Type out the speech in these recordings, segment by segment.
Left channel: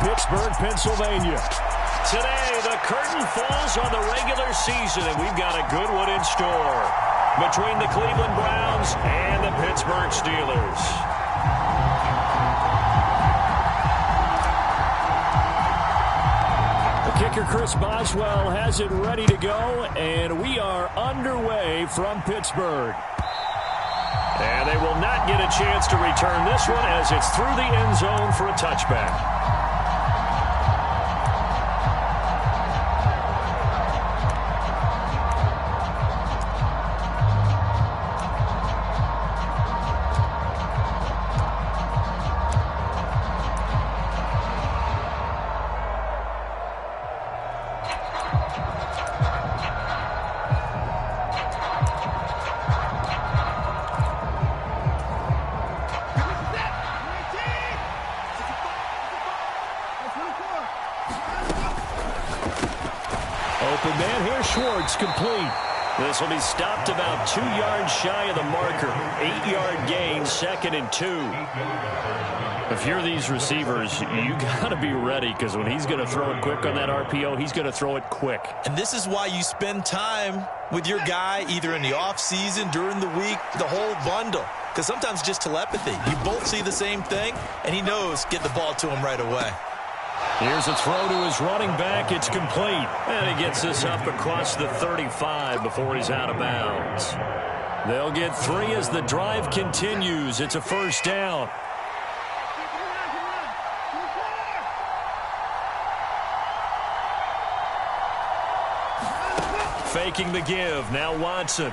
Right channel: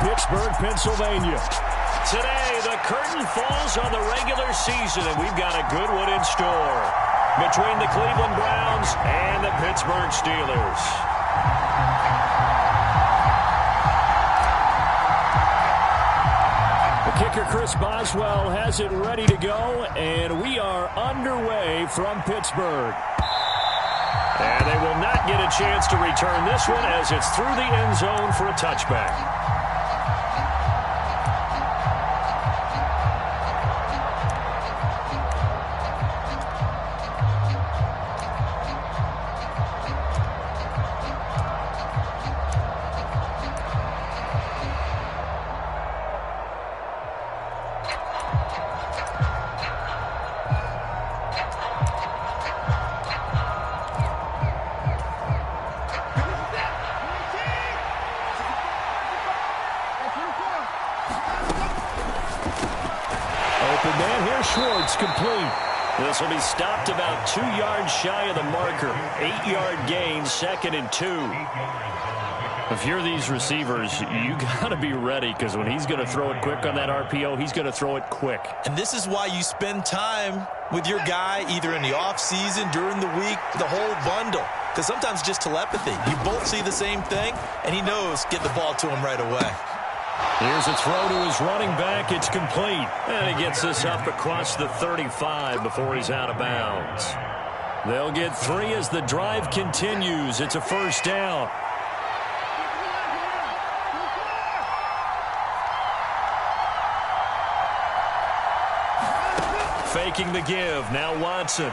Pittsburgh, Pennsylvania. Today, the curtain falls on the regular season, and we've got a good one in store between the Cleveland Browns and the Pittsburgh Steelers. The kicker, Chris Boswell, has it ready to go, and we are underway from Pittsburgh. And they will not get a chance to return this one as it's through the end zone for a touchback. Open man here, Schwartz, complete. This will be stopped about 2 yards shy of the marker. 8-yard gain, 2nd and 2. If you're these receivers, you got to be ready, because when he's going to throw it quick on that RPO, he's going to throw it quick. And this is why you spend time with your guy either in the offseason, during the week, the whole bundle. Because sometimes just telepathy. You both see the same thing, and he knows get the ball to him right away. Here's a throw to his running back. It's complete. And he gets this up across the 35 before he's out of bounds. They'll get 3 as the drive continues. It's a first down. Faking the give. Now Watson.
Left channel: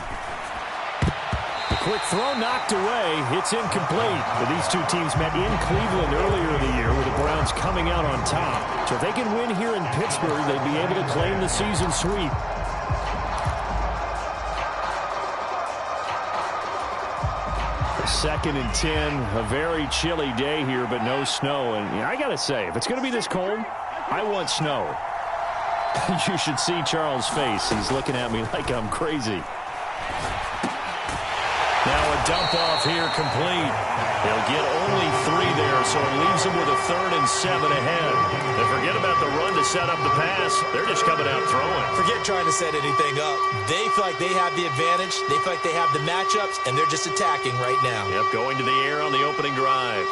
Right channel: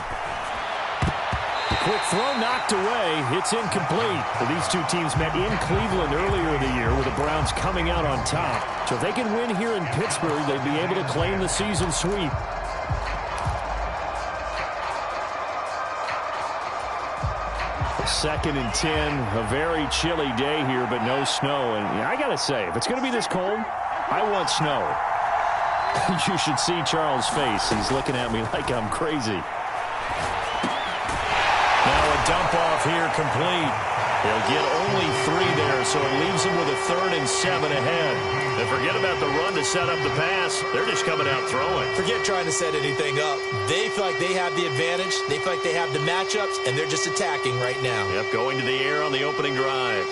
Quick throw knocked away. It's incomplete. Well, these two teams met in Cleveland earlier in the year with the Browns coming out on top. So if they can win here in Pittsburgh, they'd be able to claim the season sweep. Second and 10. A very chilly day here, but no snow. And I got to say, if it's going to be this cold, I want snow. You should see Charles' face. He's looking at me like I'm crazy. Now a dump off here complete. He'll get only 3 there, so it leaves him with a 3rd and 7 ahead. And forget about the run to set up the pass. They're just coming out throwing. Forget trying to set anything up. They feel like they have the advantage. They feel like they have the matchups, and they're just attacking right now. Yep, going to the air on the opening drive.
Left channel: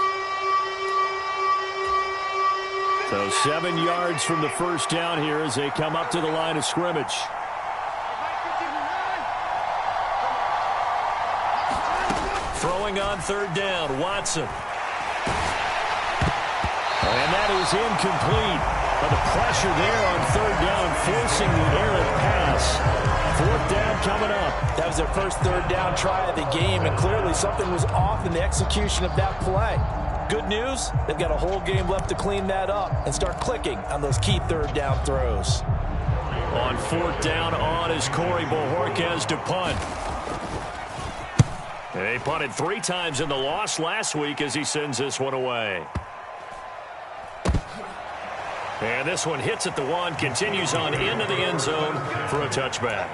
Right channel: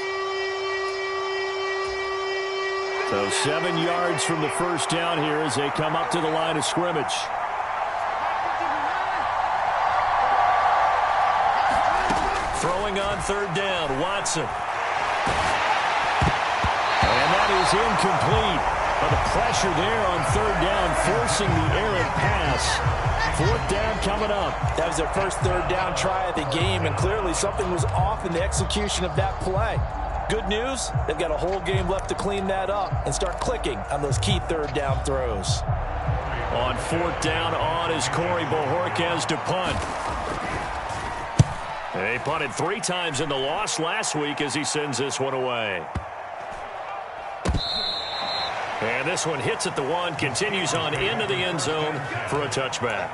So 7 yards from the first down here as they come up to the line of scrimmage. Throwing on 3rd down, Watson. And that is incomplete. But the pressure there on 3rd down, forcing the errant pass. 4th down coming up. That was their first 3rd down try of the game, and clearly something was off in the execution of that play. Good news, they've got a whole game left to clean that up and start clicking on those key 3rd down throws. On 4th down, on is Corey Bojorquez to punt. They punted 3 times in the loss last week as he sends this one away. And this one hits at the 1, continues on into the end zone for a touchback.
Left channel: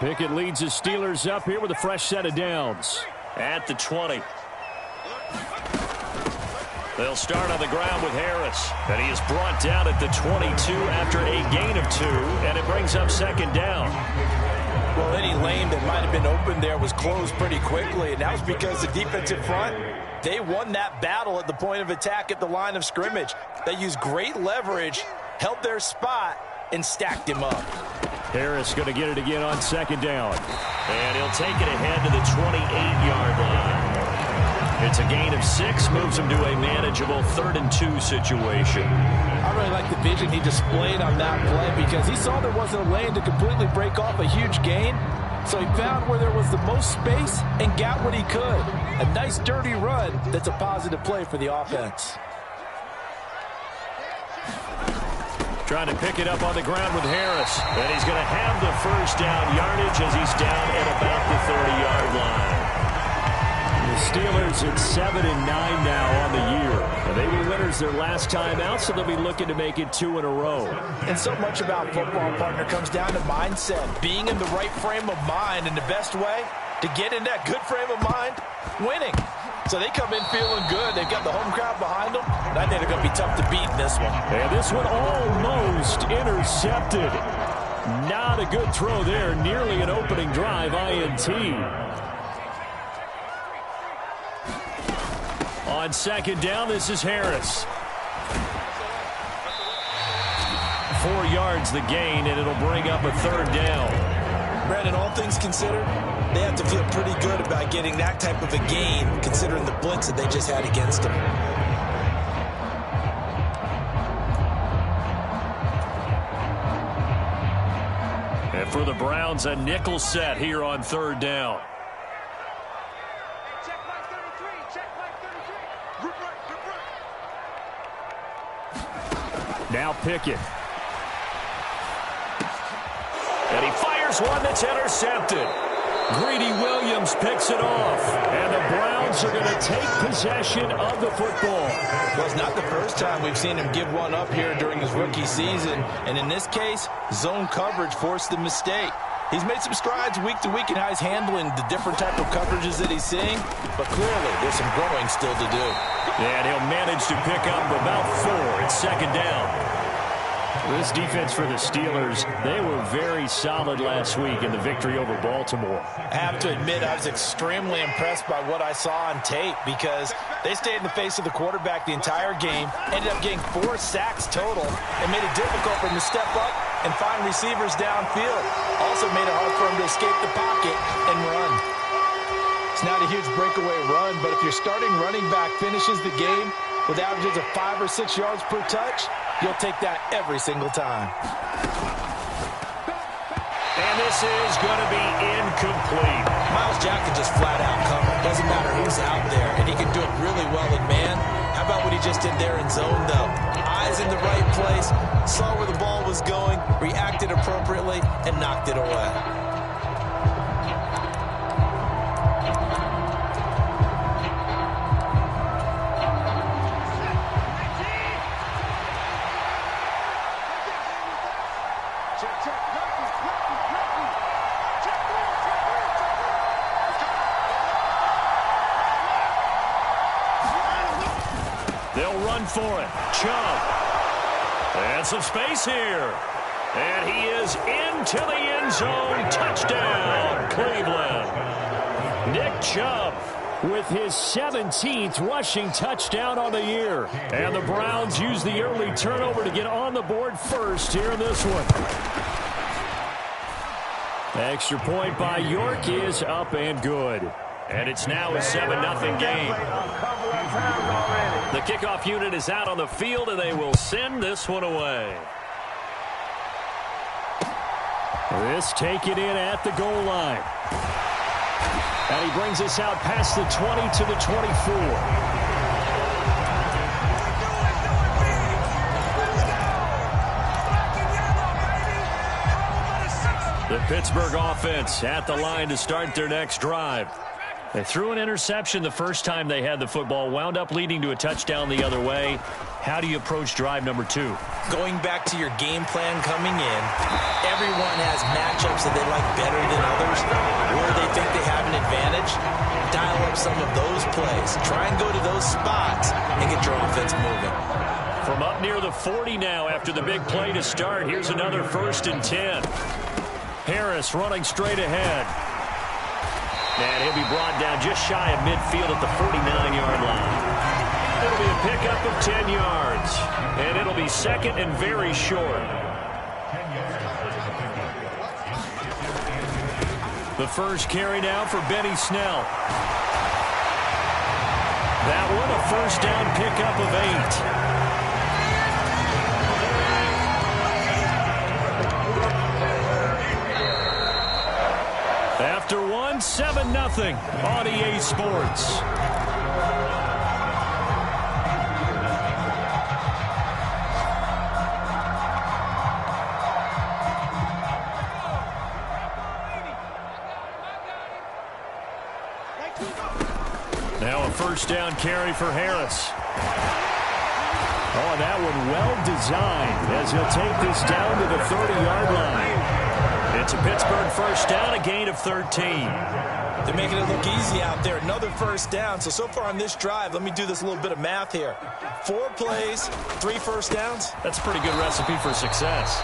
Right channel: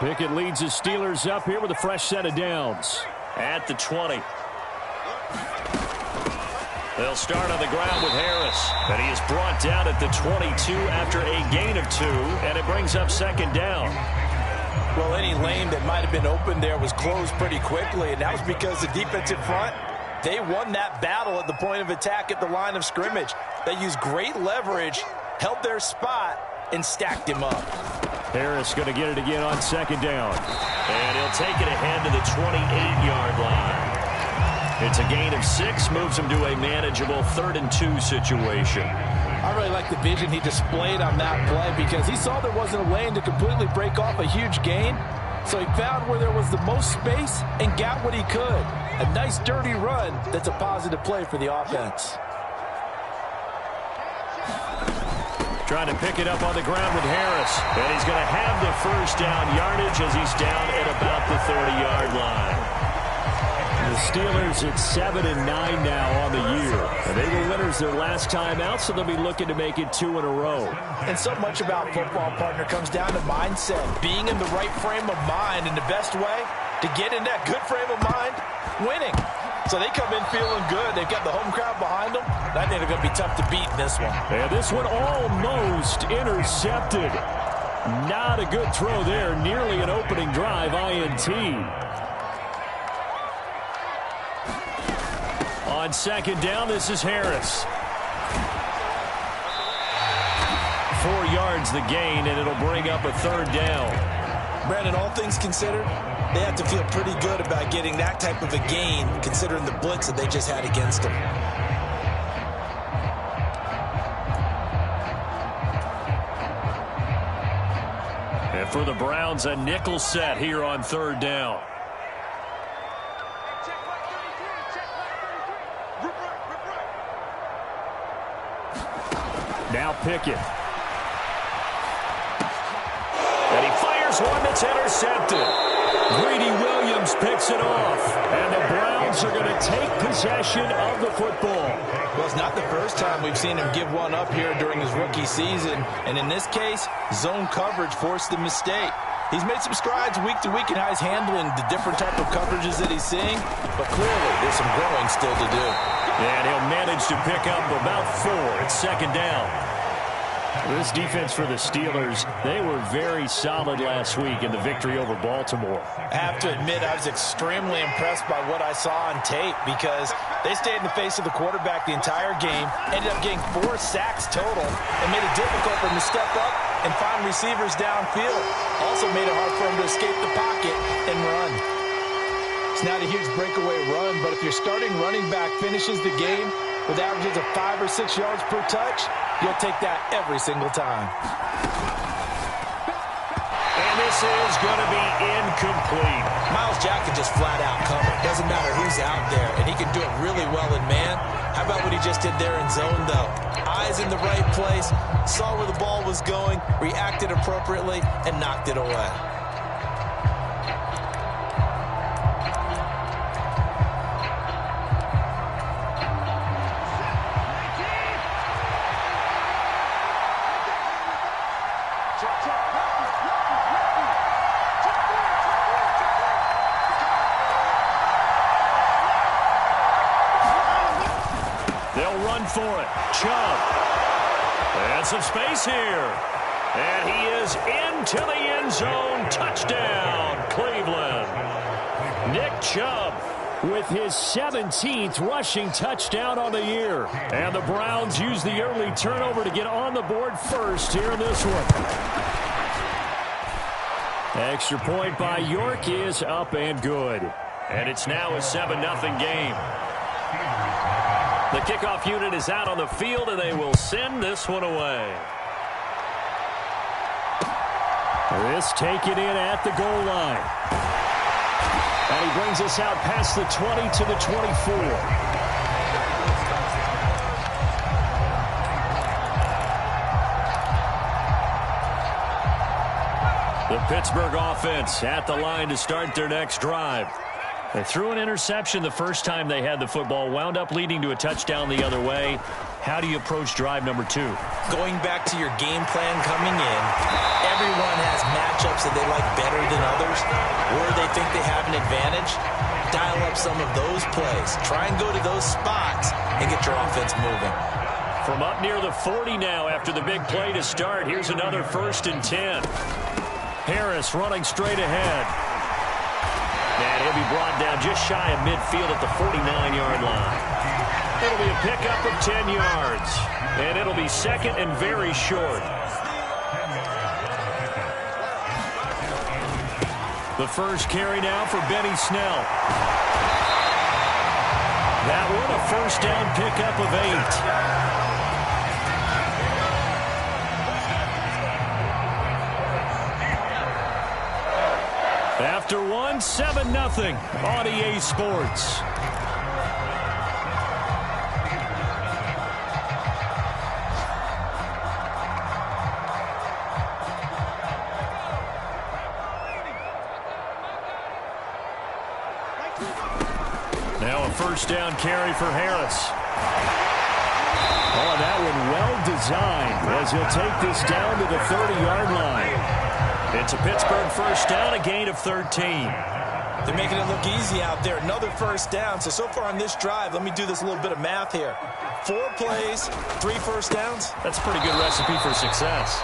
Pickett leads his Steelers up here with a fresh set of downs. At the 20. They'll start on the ground with Harris. And he is brought down at the 22 after a gain of 2. And it brings up 2nd down. Well, any lane that might have been open there was closed pretty quickly. And that was because the defensive front, they won that battle at the point of attack at the line of scrimmage. They used great leverage, held their spot, and stacked him up. Harris going to get it again on 2nd down. And he'll take it ahead to the 28-yard line. It's a gain of 6, moves him to a manageable 3rd and 2 situation. I really like the vision he displayed on that play because he saw there wasn't a lane to completely break off a huge gain. So he found where there was the most space and got what he could. A nice dirty run that's a positive play for the offense. Trying to pick it up on the ground with Harris. And he's going to have the first down yardage as he's down at about the 30-yard line. The Steelers at 7-9 now on the year. And they were winners their last time out, so they'll be looking to make it 2 in a row. And so much about football, partner, comes down to mindset. Being in the right frame of mind, and the best way to get in that good frame of mind, winning. So they come in feeling good. They've got the home crowd behind them. I think they're going to be tough to beat in this one. And this one almost intercepted. Not a good throw there. Nearly an opening drive, INT. On second down, this is Harris. 4 yards the gain, and it'll bring up a third down. Brandon, all things considered, they have to feel pretty good about getting that type of a gain, considering the blitz that they just had against them. And for the Browns, a nickel set here on third down. Check line 33, check line 33. Rip right. Now Pickett. And he fires one that's intercepted. Greedy Williams picks it off. And the Browns are going to take possession of the football. Well, it's not the first time we've seen him give one up here during his rookie season. And in this case, zone coverage forced the mistake. He's made some strides week to week in how he's handling the different type of coverages that he's seeing. But clearly, there's some growing still to do. And he'll manage to pick up about 4 at second down. This defense for the Steelers, they were very solid last week in the victory over Baltimore. I have to admit, I was extremely impressed by what I saw on tape because they stayed in the face of the quarterback the entire game, ended up getting 4 sacks total, and made it difficult for him to step up and find receivers downfield. Also made it hard for him to escape the pocket and run. It's not a huge breakaway run, but if your starting running back finishes the game with averages of 5 or 6 yards per touch, you'll take that every single time. And this is going to be incomplete. Myles Jack can just flat out cover. Doesn't matter who's out there, and he can do it really well in man. How about what he just did there in zone, though? Eyes in the right place, saw where the ball was going, reacted appropriately, and knocked it away. They'll run for it. Chubb. And some space here. And he is into the end zone. Touchdown, Cleveland. Nick Chubb with his 17th rushing touchdown on the year. And the Browns use the early turnover to get on the board first here in this one. Extra point by York is up and good. And it's now a 7-0 game. The kickoff unit is out on the field, and they will send this one away. This taken in at the goal line. And he brings us out past the 20 to the 24. The Pittsburgh offense at the line to start their next drive. They threw an interception the first time they had the football, wound up leading to a touchdown the other way. How do you approach drive number 2? Going back to your game plan coming in, everyone has matchups that they like better than others, where they think they have an advantage. Dial up some of those plays. Try and go to those spots and get your offense moving. From up near the 40 now after the big play to start, here's another 1st and 10. Harris running straight ahead. And he'll be brought down just shy of midfield at the 49-yard line. It'll be a pickup of 10 yards. And it'll be second and very short. The first carry now for Benny Snell. That one a first down pickup of 8. After one, 7-0 on EA Sports. first down carry for Harris. Oh, that one well designed as he'll take this down to the 30-yard line. It's a Pittsburgh first down, a gain of 13. They're making it look easy out there. Another first down. So far on this drive, let me do this little bit of math here. 4 plays, 3 first downs. That's a pretty good recipe for success.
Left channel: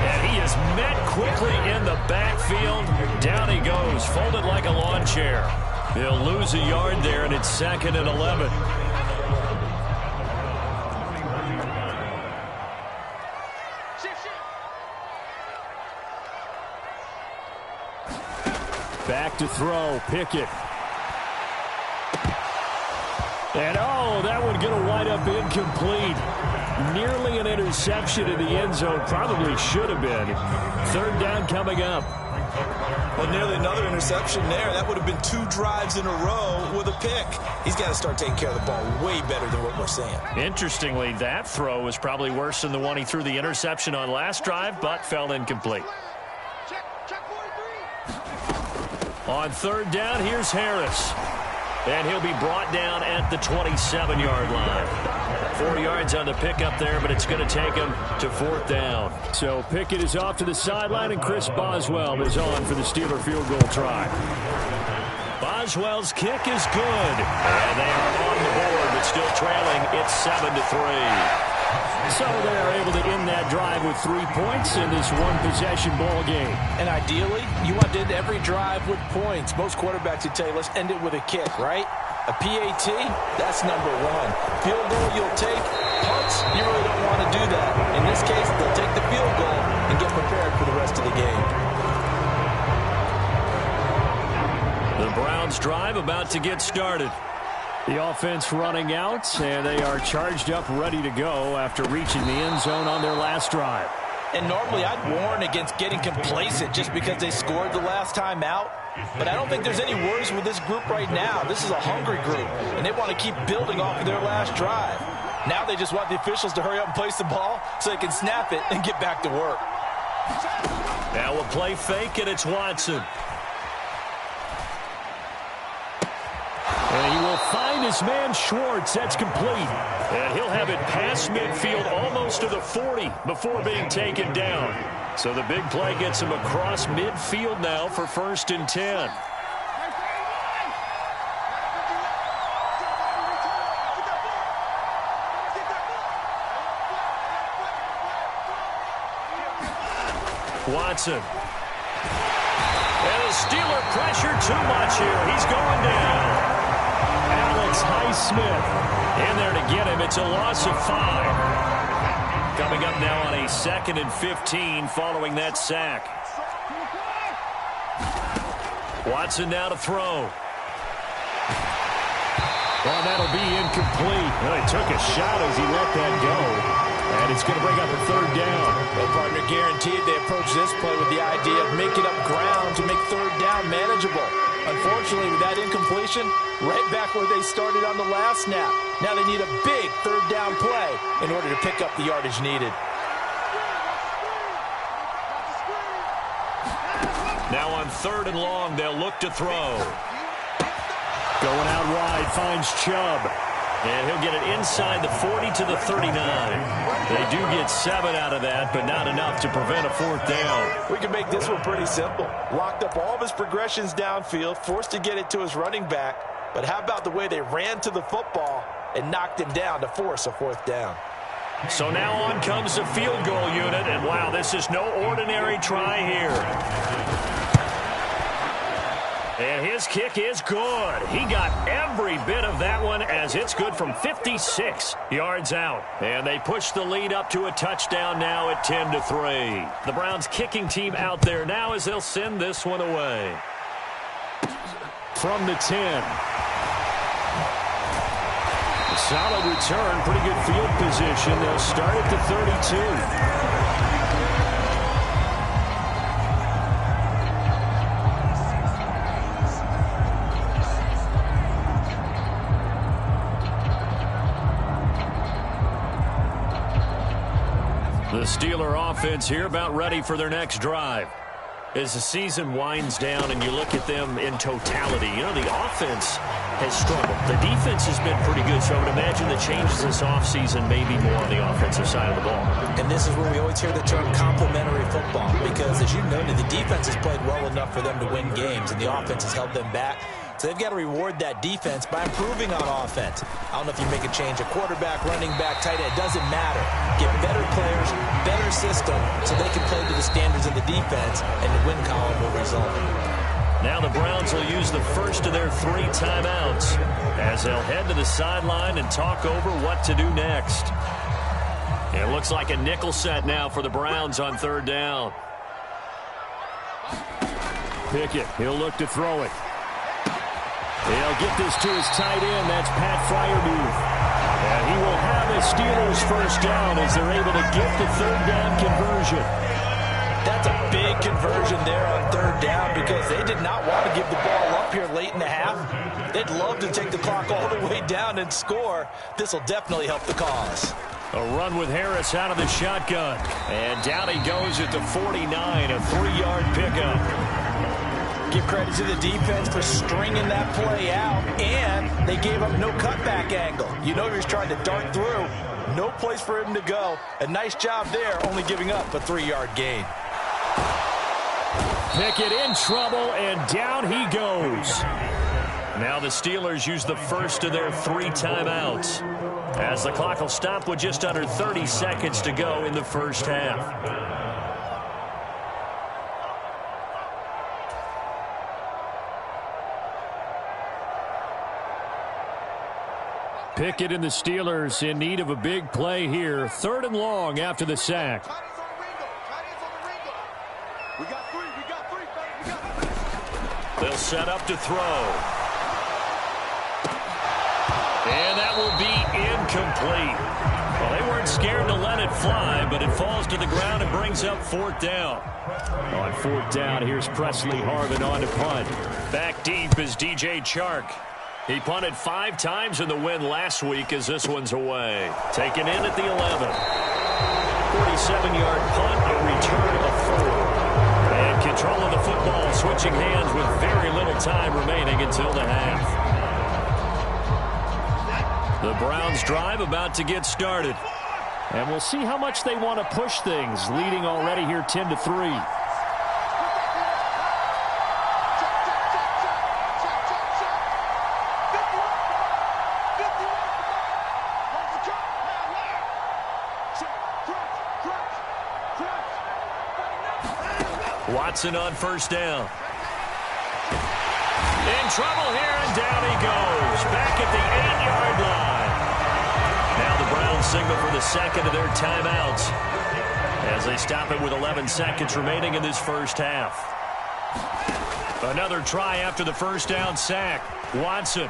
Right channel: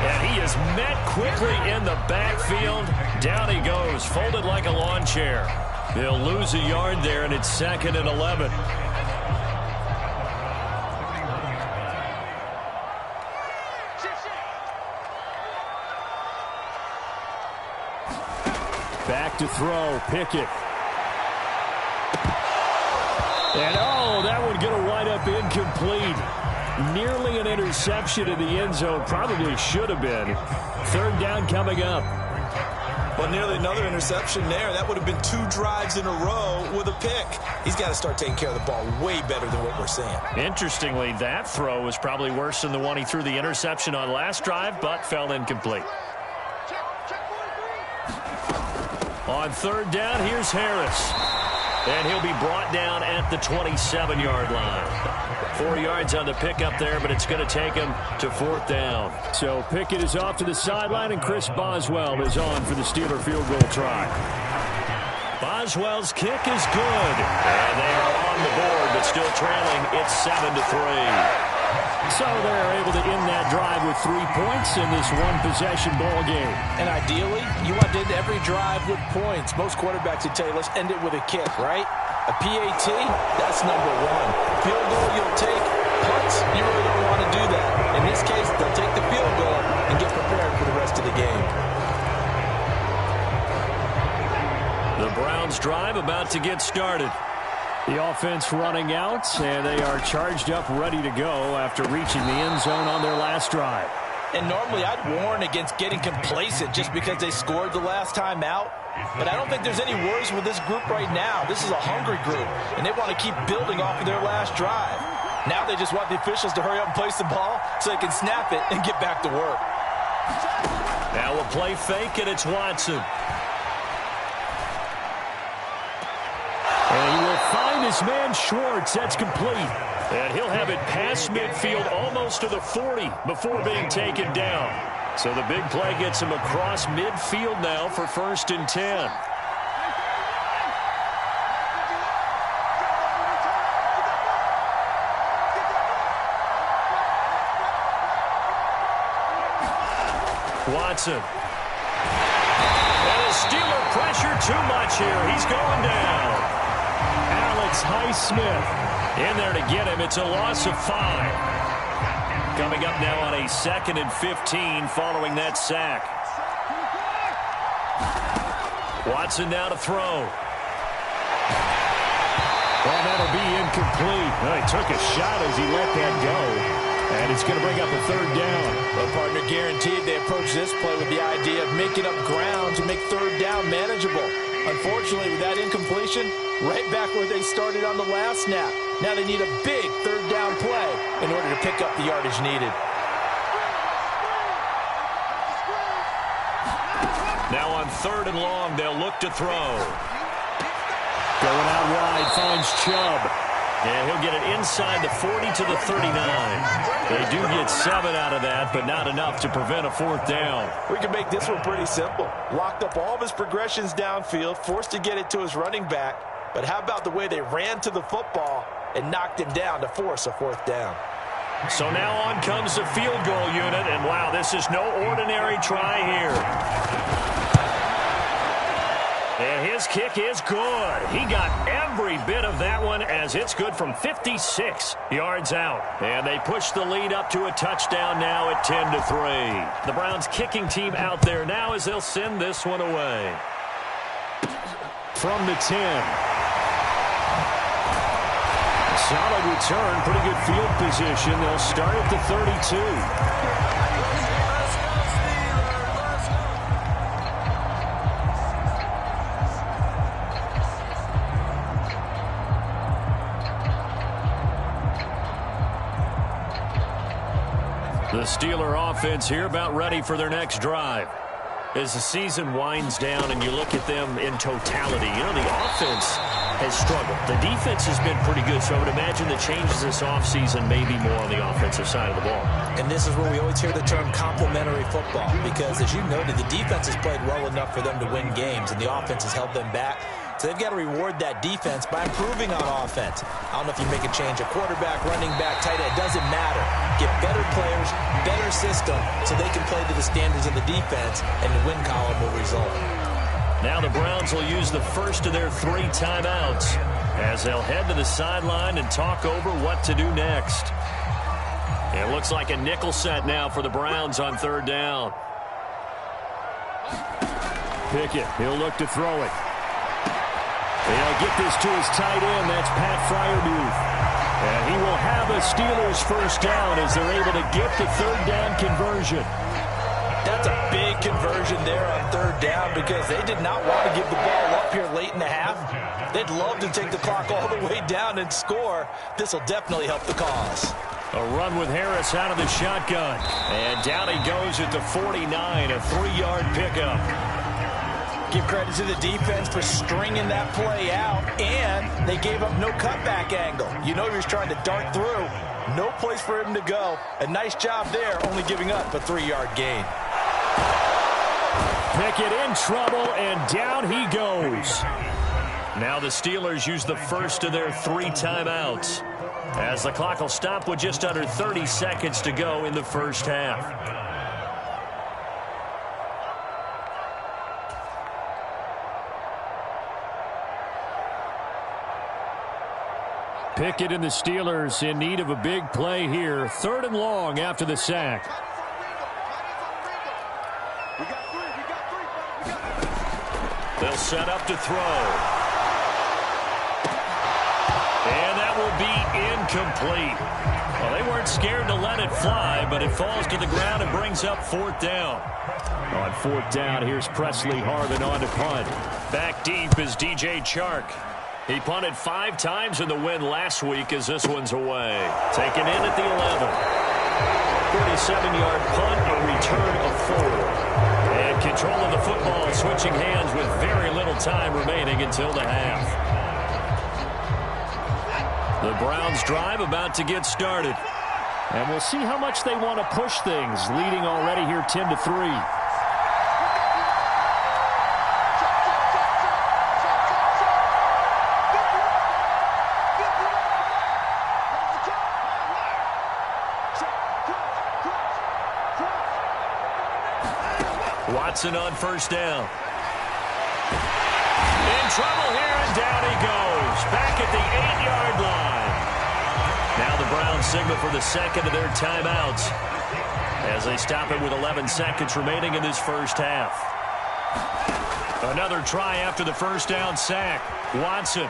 And he is met quickly in the backfield. Down he goes, folded like a lawn chair. He'll lose a yard there, and it's 2nd and 11. Back to throw, Pickett. And, oh, that one going to wind up incomplete. Nearly an interception in the end zone. Probably should have been. 3rd down coming up. Well, nearly another interception there. That would have been 2 drives in a row with a pick. He's got to start taking care of the ball way better than what we're seeing. Interestingly, that throw was probably worse than the one he threw the interception on last drive, but fell incomplete. Check 43. On 3rd down, here's Harris. And he'll be brought down at the 27-yard line. 4 yards on the pickup there, but it's going to take him to 4th down. So Pickett is off to the sideline, and Chris Boswell is on for the Steeler field goal try. Boswell's kick is good. And they are on the board, but still trailing. It's 7-3. So they're able to end that drive with 3 points in this one-possession ball game. And ideally, you want to end every drive with points. Most quarterbacks would tell you, let's end it with a kick, right? A PAT, that's number 1. Field goal, you'll take. Punts, you really don't want to do that. In this case, they'll take the field goal and get prepared for the rest of the game. The Browns' drive about to get started. The offense running out, and they are charged up, ready to go after reaching the end zone on their last drive. And normally I'd warn against getting complacent just because they scored the last time out. But I don't think there's any worries with this group right now. This is a hungry group, and they want to keep building off of their last drive. Now they just want the officials to hurry up and place the ball so they can snap it and get back to work. Now we'll play fake, and it's Watson. And he will find his man Schwartz. That's complete. And he'll have it past midfield almost to the 40 before being taken down. So the big play gets him across midfield now for 1st and 10. Watson. And the Steeler pressure too much here. He's going down. Alex Highsmith in there to get him. It's a loss of 5. Coming up now on a 2nd and 15 following that sack. Watson now to throw. Well, that'll be incomplete. Well, he took a shot as he let that go. And it's going to bring up a 3rd down. Well, partner, guaranteed they approach this play with the idea of making up ground to make 3rd down manageable. Unfortunately, with that incompletion, right back where they started on the last snap. Now they need a big 3rd down play in order to pick up the yardage needed. Now on 3rd and long, they'll look to throw. Going out wide, finds Chubb. And he'll get it inside the 40 to the 39. They do get 7 out of that, but not enough to prevent a 4th down. We can make this one pretty simple. Locked up all of his progressions downfield, forced to get it to his running back. But how about the way they ran to the football and knocked him down to force a 4th down? So now on comes the field goal unit, and wow, this is no ordinary try here. And his kick is good. He got every bit of that one as it's good from 56 yards out. And they push the lead up to a touchdown now at 10-3. The Browns kicking team out there now as they'll send this one away. From the 10. A solid return, pretty good field position. They'll start at the 32. The Steeler offense here about ready for their next drive. As the season winds down and you look at them in totality, you know, the offense has struggled. The defense has been pretty good, so I would imagine the changes this offseason may be more on the offensive side of the ball. And this is where we always hear the term complementary football, because as you noted, the defense has played well enough for them to win games, and the offense has held them back. So they've got to reward that defense by improving on offense. I don't know if you make a change, a quarterback, running back, tight end, it doesn't matter. Get better players, better system, so they can play to the standards of the defense, and the win column will result. Now the Browns will use the first of their 3 timeouts as they'll head to the sideline and talk over what to do next. It looks like a nickel set now for the Browns on 3rd down. Pickett, he'll look to throw it. They'll get this to his tight end. That's Pat Freiermuth. And he will have a Steelers first down as they're able to get the 3rd down conversion. That's a big conversion there on 3rd down because they did not want to give the ball up here late in the half. They'd love to take the clock all the way down and score. This will definitely help the cause. A run with Harris out of the shotgun. And down he goes at the 49, a 3-yard pickup. Give credit to the defense for stringing that play out, and they gave up no cutback angle. You know he was trying to dart through. No place for him to go. A nice job there, only giving up a 3-yard gain. Pickett in trouble, and down he goes. Now the Steelers use the first of their 3 timeouts as the clock will stop with just under 30 seconds to go in the first half. Pickett and the Steelers in need of a big play here. 3rd and long after the sack. They'll set up to throw. And that will be incomplete. Well, they weren't scared to let it fly, but it falls to the ground and brings up 4th down. On 4th down, here's Presley Harvin on to punt. Back deep is DJ Chark. He punted 5 times in the win last week as this one's away. Taken in at the 11. 47-yard punt, a return of 4. And control of the football switching hands with very little time remaining until the half. The Browns drive about to get started. And we'll see how much they want to push things, leading already here 10-3. Watson on 1st down. In trouble here, and down he goes. Back at the 8-yard line. Now the Browns signal for the 2nd of their timeouts as they stop it with 11 seconds remaining in this first half. Another try after the 1st down sack. Watson.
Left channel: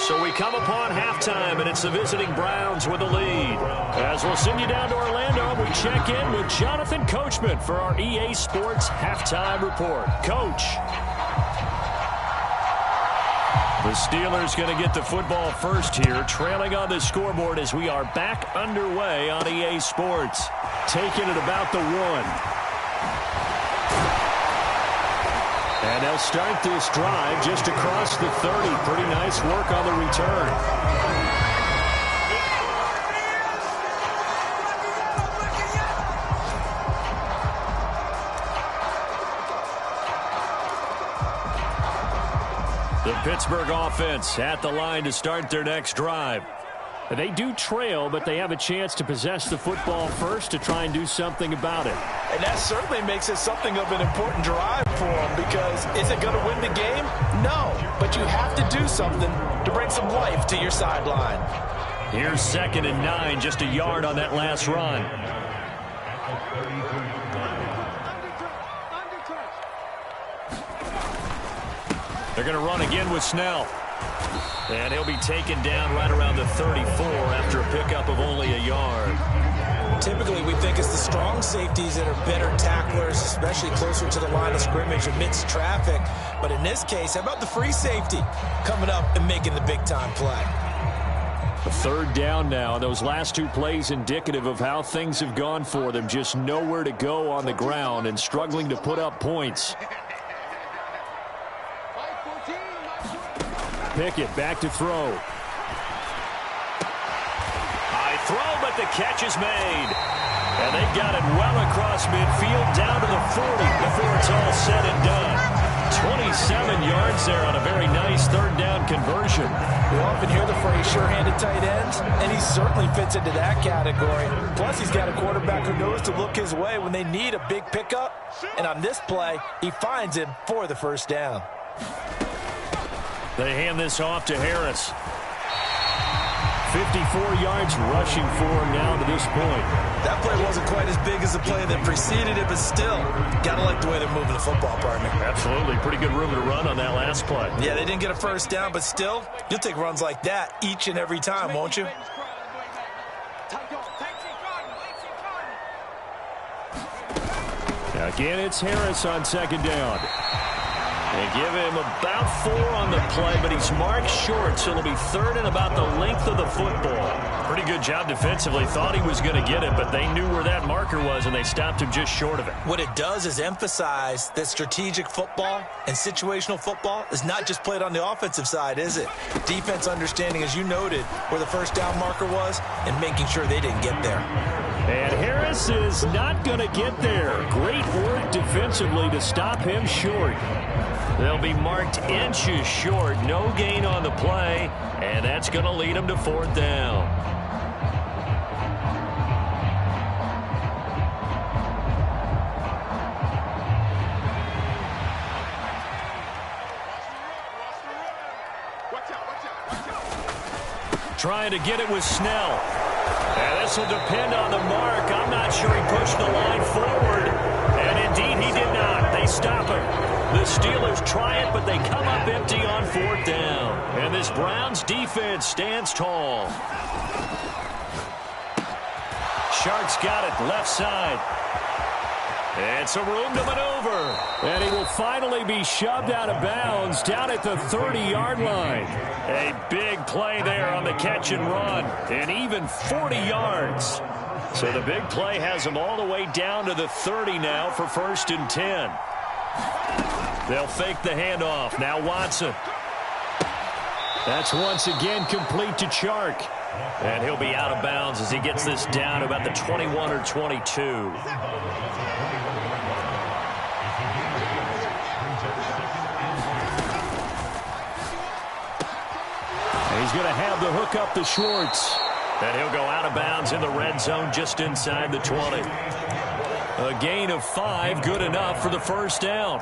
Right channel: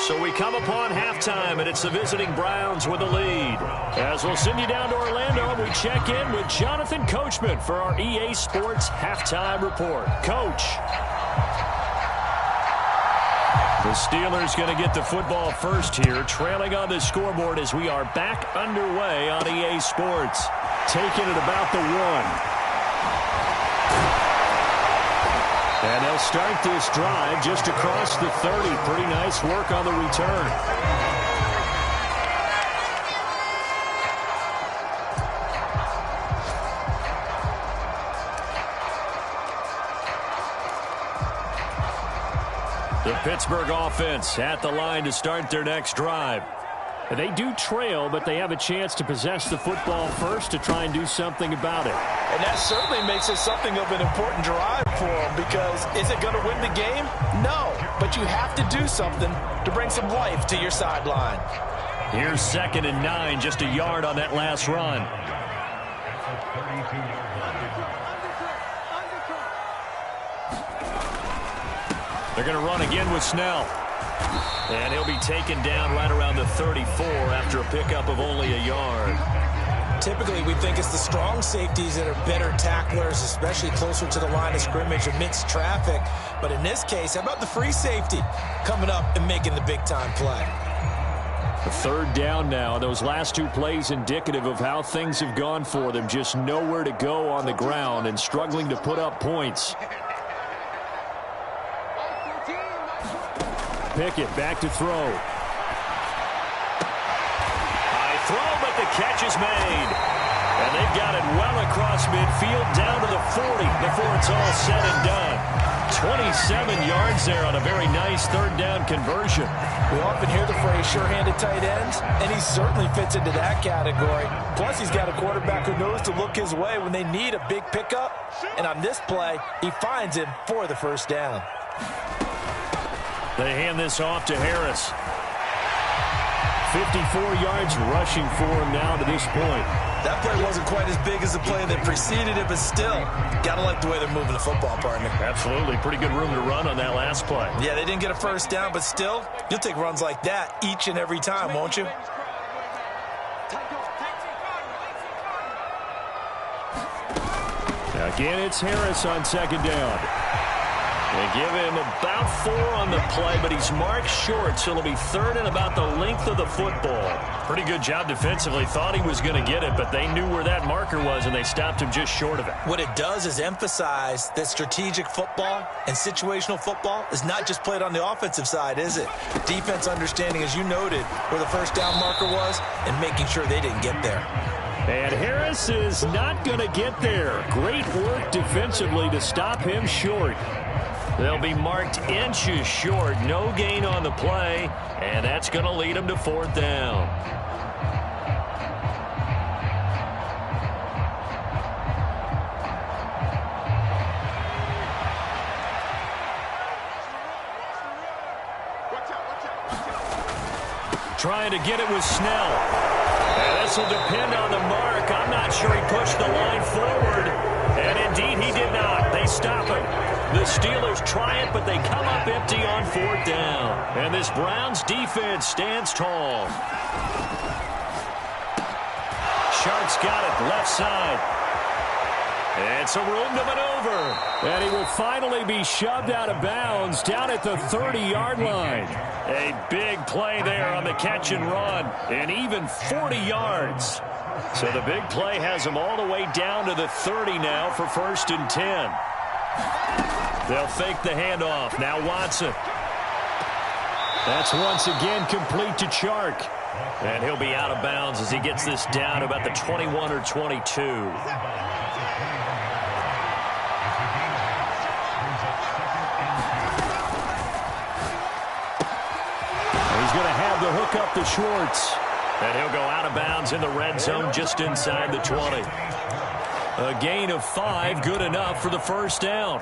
So we come upon halftime, and it's the visiting Browns with a lead. As we'll send you down to Orlando, we check in with Jonathan Coachman for our EA Sports Halftime Report. Coach. The Steelers going to get the football first here, trailing on the scoreboard as we are back underway on EA Sports. Taking it about the 1. And they'll start this drive just across the 30. Pretty nice work on the return. The Pittsburgh offense at the line to start their next drive. They do trail, but they have a chance to possess the football first to try and do something about it. And that certainly makes it something of an important drive for them, because is it going to win the game? No, but you have to do something to bring some life to your sideline. Here's 2nd and 9, just a yard on that last run. They're going to run again with Snell. And he'll be taken down right around the 34 after a pickup of only a yard. Typically, we think it's the strong safeties that are better tacklers, especially closer to the line of scrimmage amidst traffic. But in this case, how about the free safety coming up and making the big-time play? Third down now. Those last two plays indicative of how things have gone for them. Just nowhere to go on the ground and struggling to put up points. Pickett back to throw. High throw, but the catch is made. And they've got it well across midfield down to the 40 before it's all said and done. 27 yards there on a very nice third down conversion. We often hear the phrase sure-handed tight ends, and he certainly fits into that category. Plus, he's got a quarterback who knows to look his way when they need a big pickup. And on this play, he finds him for the first down. They hand this off to Harris. 54 yards rushing for him now to this point. That play wasn't quite as big as the play that preceded it, but still, got to like the way they're moving the football, partner. Absolutely. Pretty good room to run on that last play. Yeah, they didn't get a first down, but still, you'll take runs like that each and every time, won't you? Again, it's Harris on second down. They give him about 4 on the play, but he's marked short, so it'll be third and about the length of the football. Pretty good job defensively. Thought he was going to get it, but they knew where that marker was, and they stopped him just short of it. What it does is emphasize that strategic football and situational football is not just played on the offensive side, is it? Defense understanding, as you noted, where the first down marker was and making sure they didn't get there. And Harris is not going to get there. Great work defensively to stop him short. They'll be marked inches short. No gain on the play, and that's going to lead them to fourth down. Trying to get it with Snell. And this will depend on the mark. I'm not sure he pushed the line forward. And indeed he did not. They stop him. The Steelers try it, but they come up empty on fourth down. And this Browns defense stands tall. Sharks got it left side. It's a room to maneuver. And he will finally be shoved out of bounds down at the 30-yard line. A big play there on the catch and run. And even 40 yards. So the big play has them all the way down to the 30 now for 1st and 10. They'll fake the handoff. Now Watson. That's once again complete to Chark. And he'll be out of bounds as he gets this down about the 21 or 22. He's going to have the hook up to Schwartz. And he'll go out of bounds in the red zone just inside the 20. A gain of 5, good enough for the first down.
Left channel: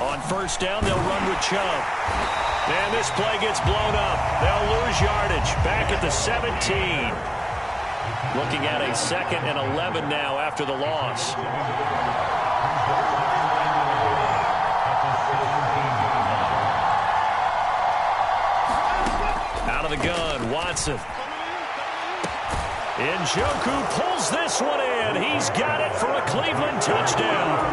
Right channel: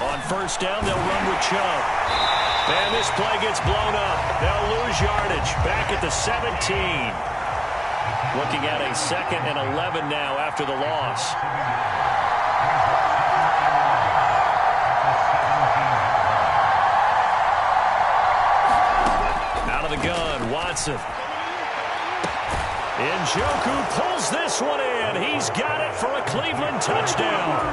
On first down, they'll run with Chubb. And this play gets blown up. They'll lose yardage back at the 17. Looking at a 2nd and 11 now after the loss. Out of the gun, Watson. Njoku pulls this one in. He's got it for a Cleveland touchdown.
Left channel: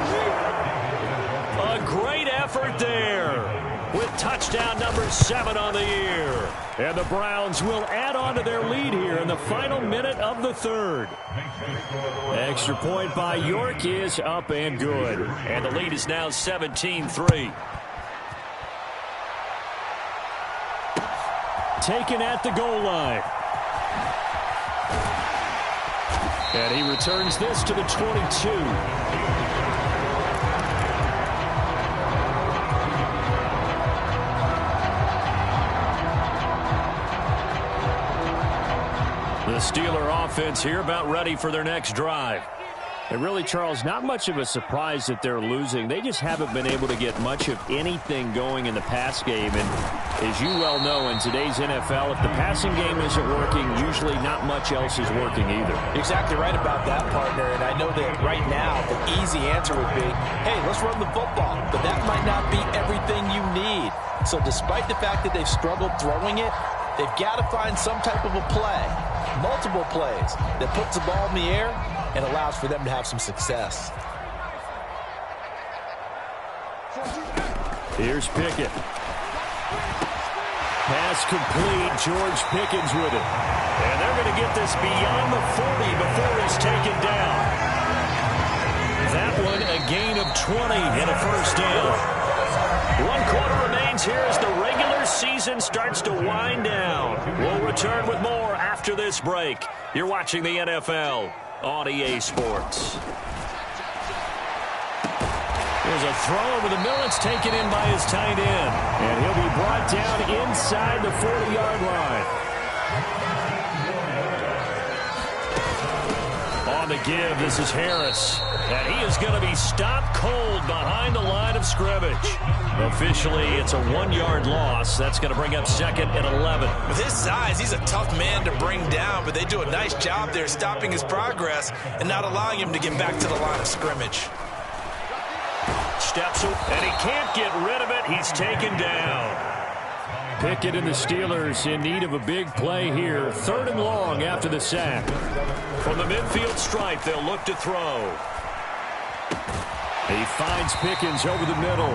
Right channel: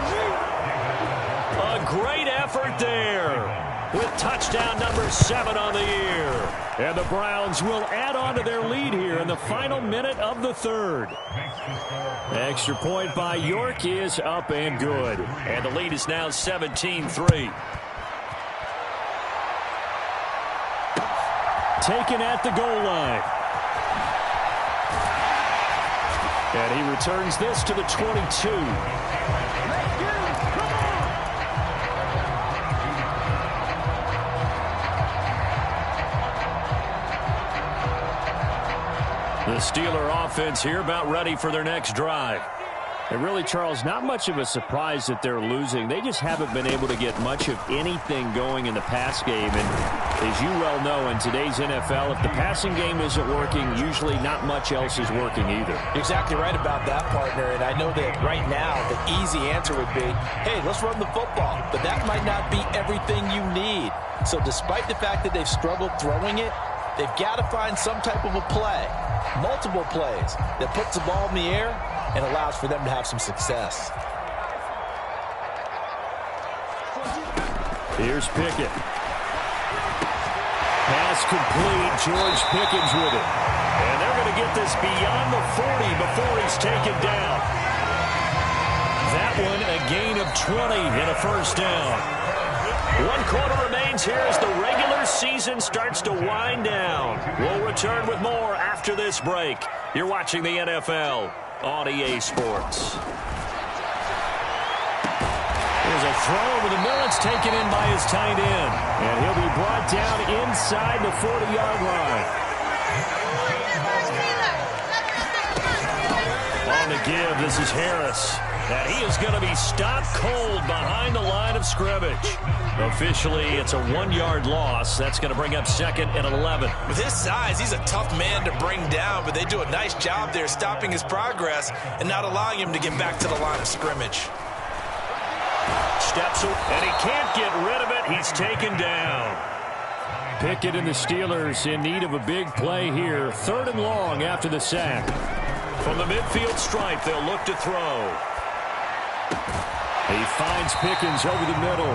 A great effort there with touchdown number 7 on the year. And the Browns will add on to their lead here in the final minute of the 3rd. Extra point by York is up and good. And the lead is now 17-3. Taken at the goal line. And he returns this to the 22. The Steeler offense here about ready for their next drive. And really, Charles, not much of a surprise that they're losing. They just haven't been able to get much of anything going in the pass game. And as you well know, in today's NFL, if the passing game isn't working, usually not much else is working either. Exactly right about that, partner. And I know that right now the easy answer would be, hey, let's run the football. But that might not be everything you need. So despite the fact that they've struggled throwing it, they've got to find some type of a play, multiple plays, that puts the ball in the air and allows for them to have some success. Here's Pickett. Pass complete. George Pickens with it. And they're going to get this beyond the 40 before he's taken down. That one a gain of 20 and a first down. 1 quarter remains here as the regular season starts to wind down. We'll return with more after this break. You're watching the NFL on EA Sports. Here's a throw over the middle. It's taken in by his tight end. And he'll be brought down inside the 40-yard line. On the give, this is Harris. And he is going to be stopped cold behind the line of scrimmage. Officially, it's a 1-yard loss. That's going to bring up 2nd and 11. With his size, he's a tough man to bring down, but they do a nice job there stopping his progress and not allowing him to get back to the line of scrimmage. Steps, and he can't get rid of it. He's taken down. Pickett and the Steelers in need of a big play here. 3rd and long after the sack. From the midfield stripe, they'll look to throw. He finds Pickens over the middle.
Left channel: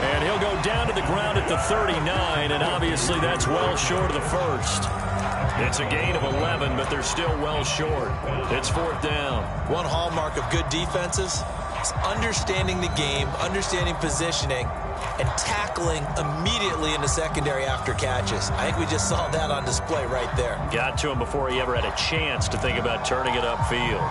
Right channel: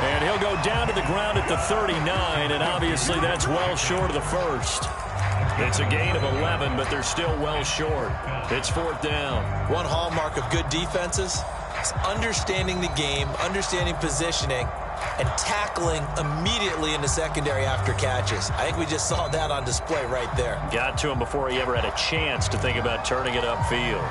And he'll go down to the ground at the 39, and obviously that's well short of the first. It's a gain of 11, but they're still well short. It's 4th down. One hallmark of good defenses is understanding the game, understanding positioning, and tackling immediately in the secondary after catches. I think we just saw that on display right there. Got to him before he ever had a chance to think about turning it upfield.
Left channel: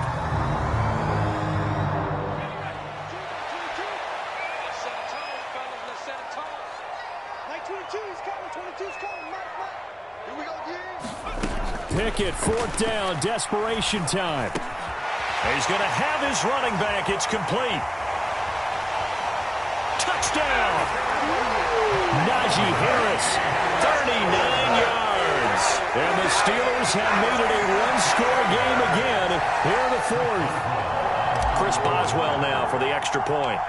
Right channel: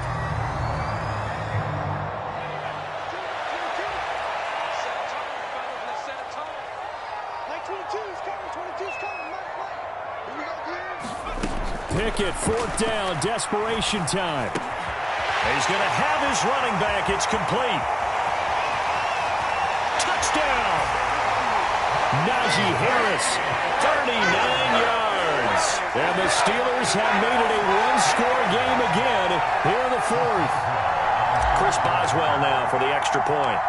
Pickett, 4th down, desperation time. He's going to have his running back. It's complete. Touchdown. Najee Harris, 39 yards. And the Steelers have made it a 1-score game again here in the 4th. Chris Boswell now for the extra point.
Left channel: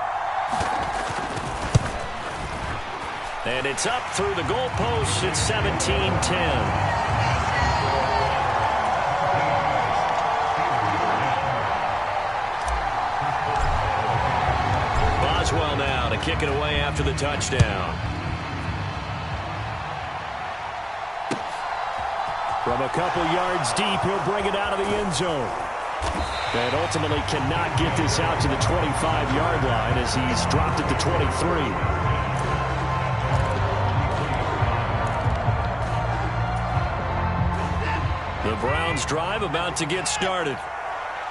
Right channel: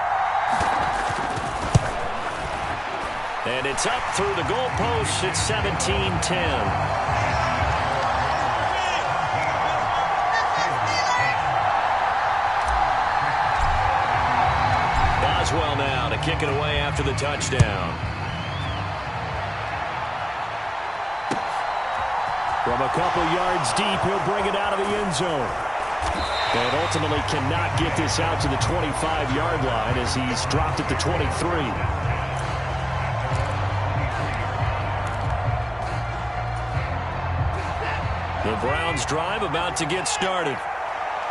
And it's up through the goalposts. It's 17-10. Boswell now to kick it away after the touchdown. From a couple yards deep, he'll bring it out of the end zone. And ultimately cannot get this out to the 25-yard line as he's dropped at the 23. The Browns drive about to get started.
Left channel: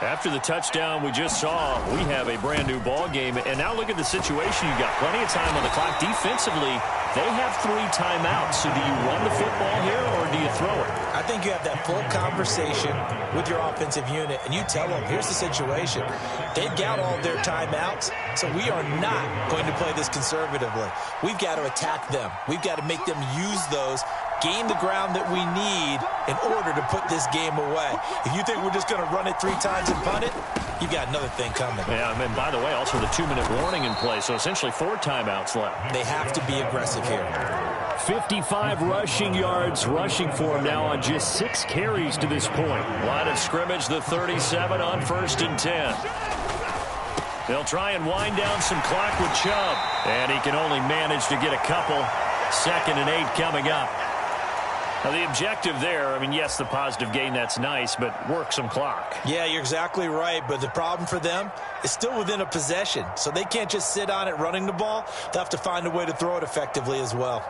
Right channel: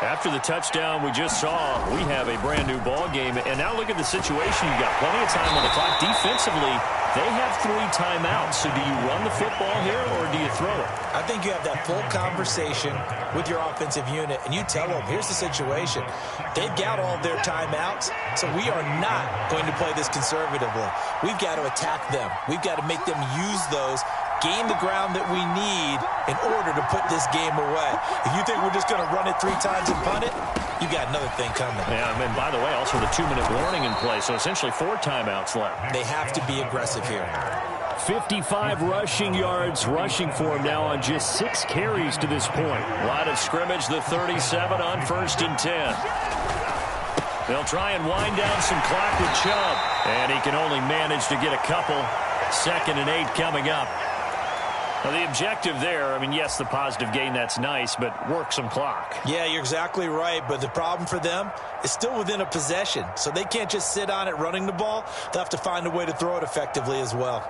After the touchdown we just saw, we have a brand new ball game. And now look at the situation. You got plenty of time on the clock. Defensively, they have 3 timeouts. So do you run the football here or do you throw it? I think you have that full conversation with your offensive unit, and you tell them, here's the situation. They've got all their timeouts, so we are not going to play this conservatively. We've got to attack them. We've got to make them use those, gain the ground that we need in order to put this game away. If you think we're just going to run it 3 times and punt it, you got another thing coming. Yeah, and by the way, also the 2-minute warning in play, so essentially 4 timeouts left. They have to be aggressive here. 55 rushing yards rushing for him now on just 6 carries to this point. Line of scrimmage, the 37 on 1st and 10. They'll try and wind down some clock with Chubb. And he can only manage to get a couple. 2nd and 8 coming up. Now, the objective there, I mean, yes, the positive gain, that's nice, but work some clock. Yeah, you're exactly right, but the problem for them is still within a possession, so they can't just sit on it running the ball. They'll have to find a way to throw it effectively as well.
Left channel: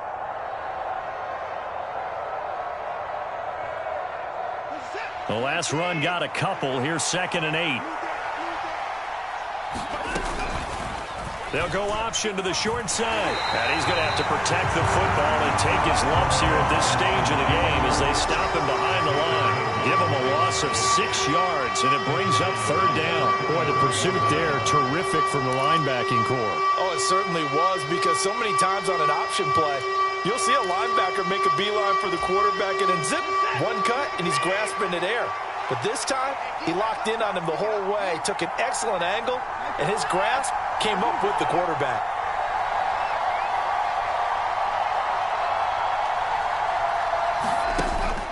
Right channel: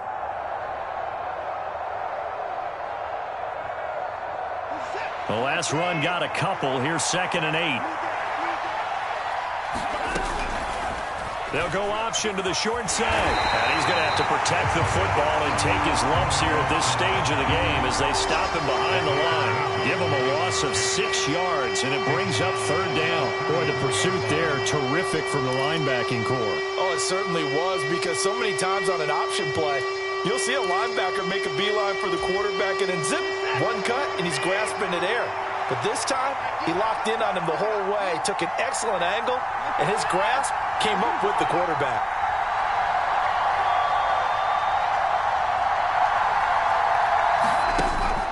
The last run got a couple. Here's 2nd and 8. They'll go option to the short side. And he's going to have to protect the football and take his lumps here at this stage of the game as they stop him behind the line. Give him a loss of 6 yards, and it brings up 3rd down. Boy, the pursuit there, terrific from the linebacking core. Oh, it certainly was, because so many times on an option play, you'll see a linebacker make a beeline for the quarterback and then zip, one cut, and he's grasping at air. But this time, he locked in on him the whole way, took an excellent angle, and his grasp came up with the quarterback.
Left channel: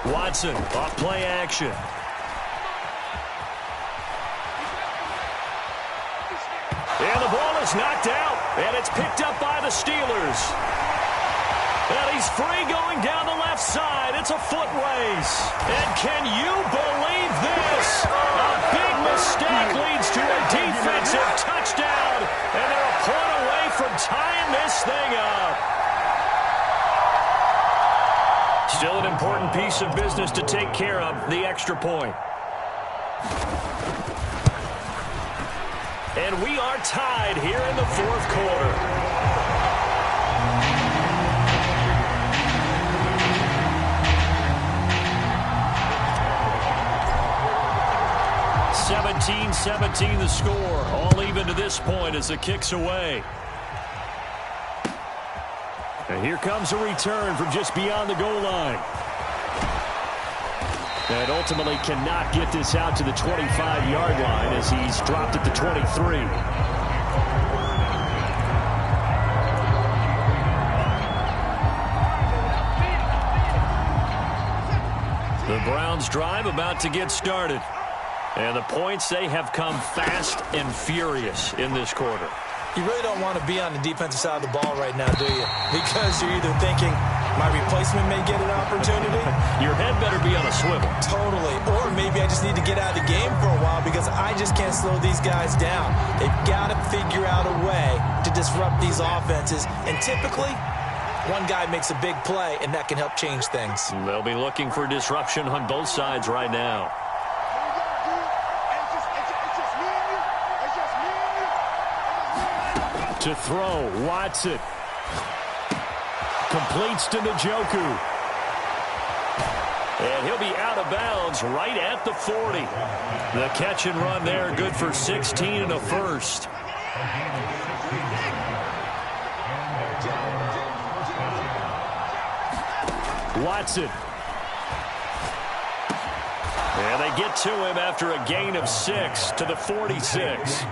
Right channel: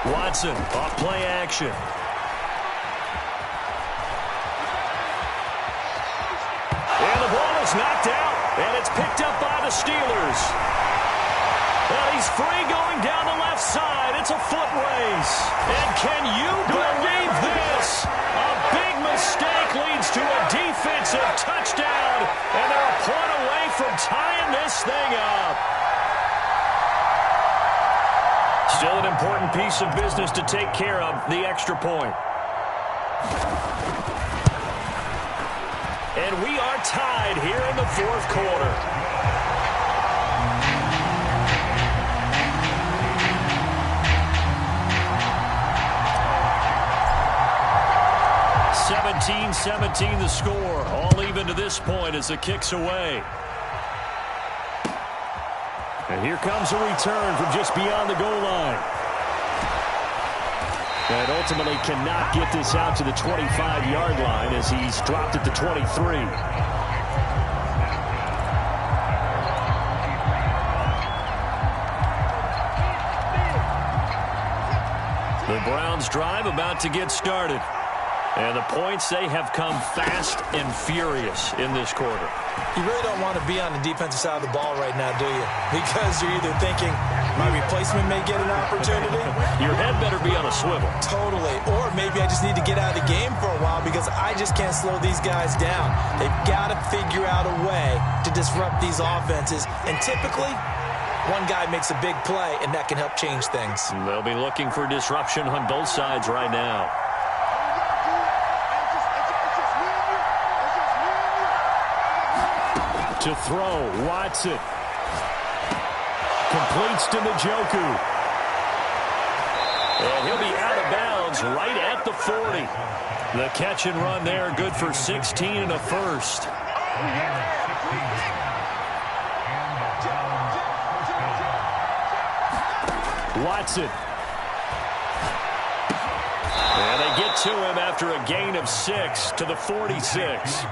Watson off play action. And the ball is knocked out, and it's picked up by the Steelers. And he's free going down the left side. It's a foot race. And can you believe this? A big mistake leads to a defensive touchdown, and they're a point away from tying this thing up. Still an important piece of business to take care of, the extra point. And we are tied here in the fourth quarter. (17-17) the score. All even to this point as the kick's away. And here comes a return from just beyond the goal line. And ultimately cannot get this out to the 25-yard line as he's dropped at the 23. The Browns drive about to get started. And the points, they have come fast and furious in this quarter. You really don't want to be on the defensive side of the ball right now, do you? Because you're either thinking, my replacement may get an opportunity. Your head better be on a swivel. Totally. Or maybe I just need to get out of the game for a while because I just can't slow these guys down. They've got to figure out a way to disrupt these offenses. And typically, one guy makes a big play, and that can help change things. They'll be looking for disruption on both sides right now. To throw, Watson. Completes to Njoku. And he'll be out of bounds right at the 40. The catch and run there, good for 16 and a first. Watson. And they get to him after a gain of 6 to the 46.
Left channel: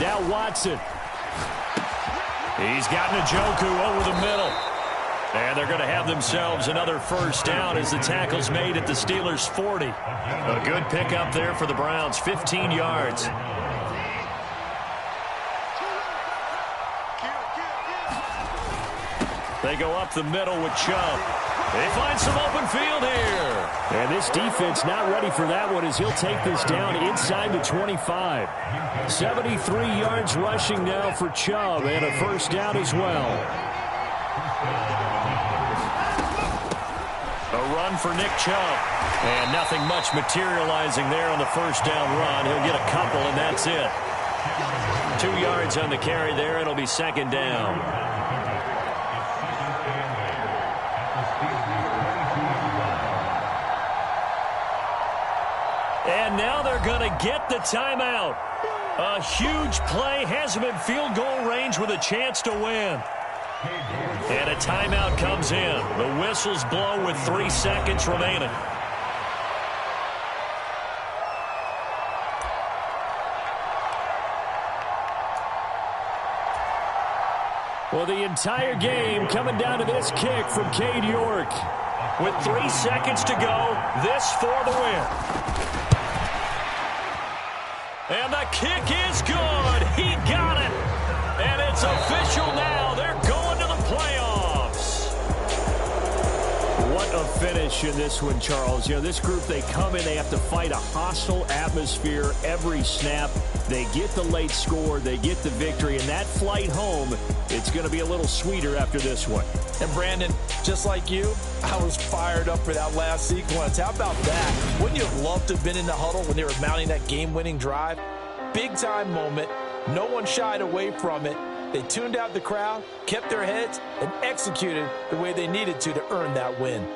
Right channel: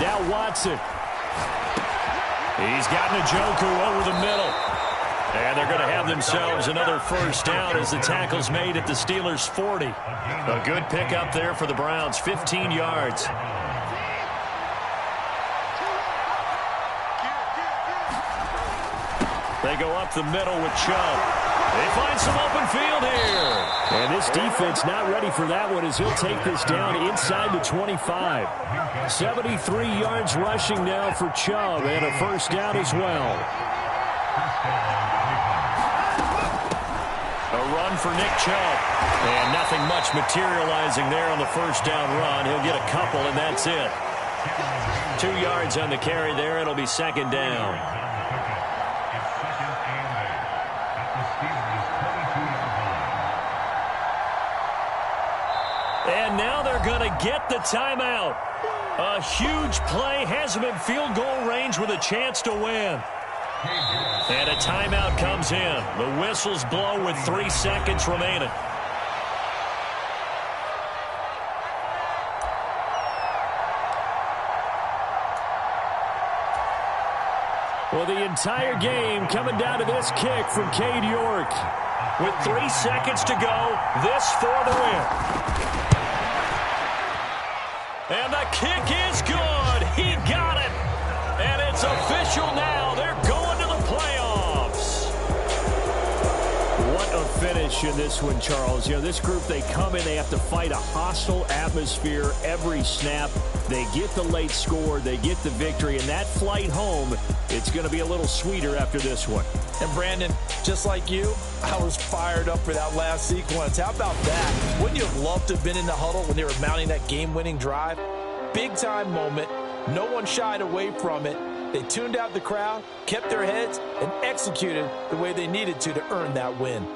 Now Watson. He's got Njoku over the middle. And they're going to have themselves another first down as the tackle's made at the Steelers' 40. A good pickup there for the Browns, 15 yards. They go up the middle with Chubb. They find some open field here. And this defense not ready for that one as he'll take this down inside the 25. 73 yards rushing now for Chubb and a first down as well. A run for Nick Chubb. And nothing much materializing there on the first down run. He'll get a couple, and that's it. 2 yards on the carry there. It'll be second down. And now they're going to get the timeout. A huge play has them in field goal range with a chance to win. And a timeout comes in. The whistles blow with 3 seconds remaining. Well, the entire game coming down to this kick from Cade York. With 3 seconds to go, this for the win. And the kick is good. He got it. And it's official now. They're going to the playoffs. What a finish in this one, Charles. You know, this group, they come in, they have to fight a hostile atmosphere every snap. They get the late score, they get the victory, and that flight home, it's going to be a little sweeter after this one. And Brandon, just like you, I was fired up for that last sequence. How about that? Wouldn't you have loved to have been in the huddle when they were mounting that game-winning drive? Big-time moment. No one shied away from it. They tuned out the crowd, kept their heads, and executed the way they needed to earn that win.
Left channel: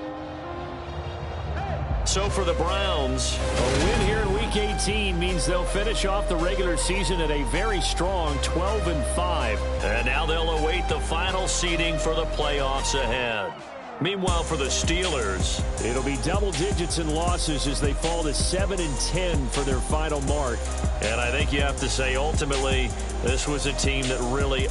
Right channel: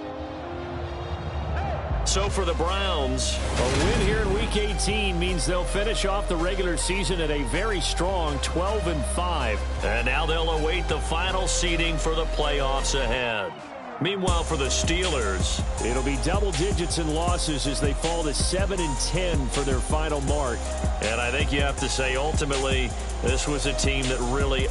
So for the Browns, a win here in Week 18 means they'll finish off the regular season at a very strong 12-5. And now they'll await the final seeding for the playoffs ahead. Meanwhile, for the Steelers, it'll be double digits in losses as they fall to 7-10 for their final mark. and I think you have to say ultimately this was a team that really